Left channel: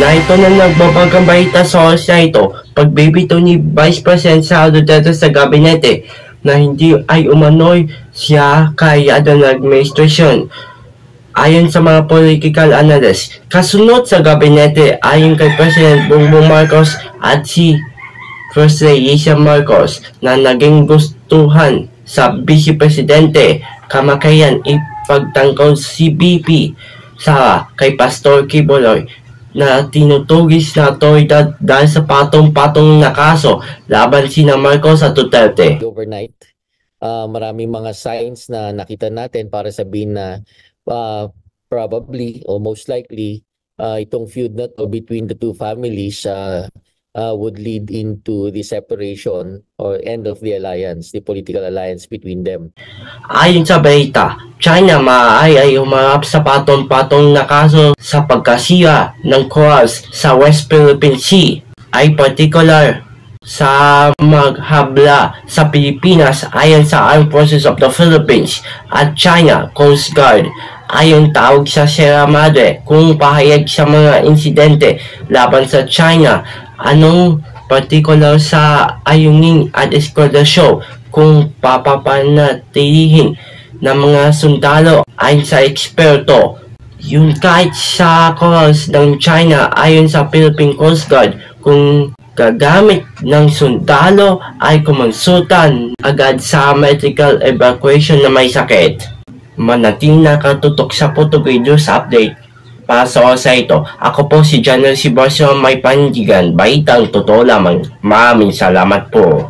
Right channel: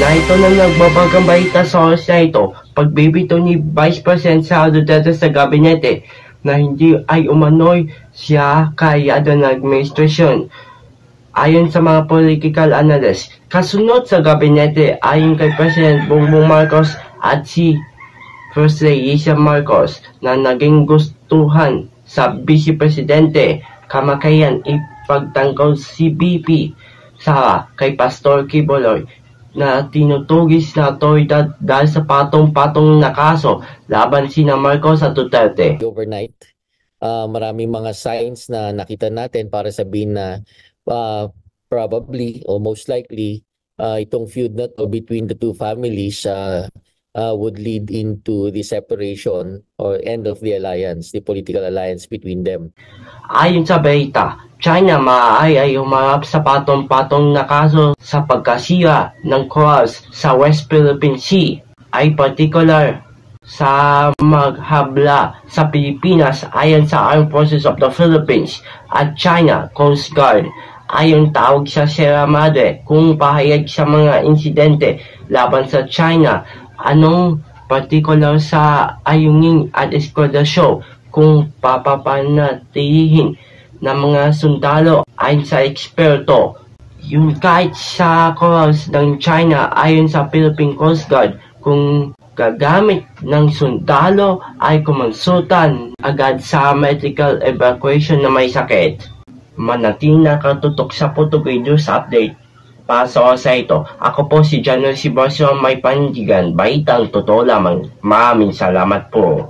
na ito na nagbabagang balita sa oras na ito, pagbibito ni Vice President Sara Duterte sa gabinete na hindi ay umano'y siya kaya ng administrasyon. Ayon sa mga political analysts, kasunod sa gabinete ayon kay President Bongbong Marcos at si First Lady Isa Marcos na naging gustuhan sa Vice Presidente kamakayan ipagtangkol si BP sa kay Pastor Quiboloy na tinutugis na otoridad dahil sa patong-patong na kaso laban sina Marcos at Duterte. Overnight, maraming mga signs na nakita natin para sabihin na probably or most likely itong feud na to between the two families would lead into the separation or end of the alliance, the political alliance between them. Ayon sa balita, China maaari ay humarap sa patong-patong na kaso sa pagkasira ng corals sa West Philippine Sea ay particular sa maghabla sa Pilipinas ayon sa Armed Forces of the Philippines at China Coast Guard. Ayon tawag sa Sierra Madre kung pahayag sa mga insidente laban sa China, anong particular sa ayunin at eskwadasyon kung papapanatilihin ng mga sundalo ayon sa eksperto. Yun kahit sa corals ng China ayon sa Philippine Coast Guard, kung gagamit ng sundalo ay kumonsultan agad sa medical evacuation na may sakit. Manatiling nakatutok sa Photogrid News Update. Para sa oras ito, ako po si General Sebastian May Panindigan, Baitang Totoo Lamang. Maraming salamat po.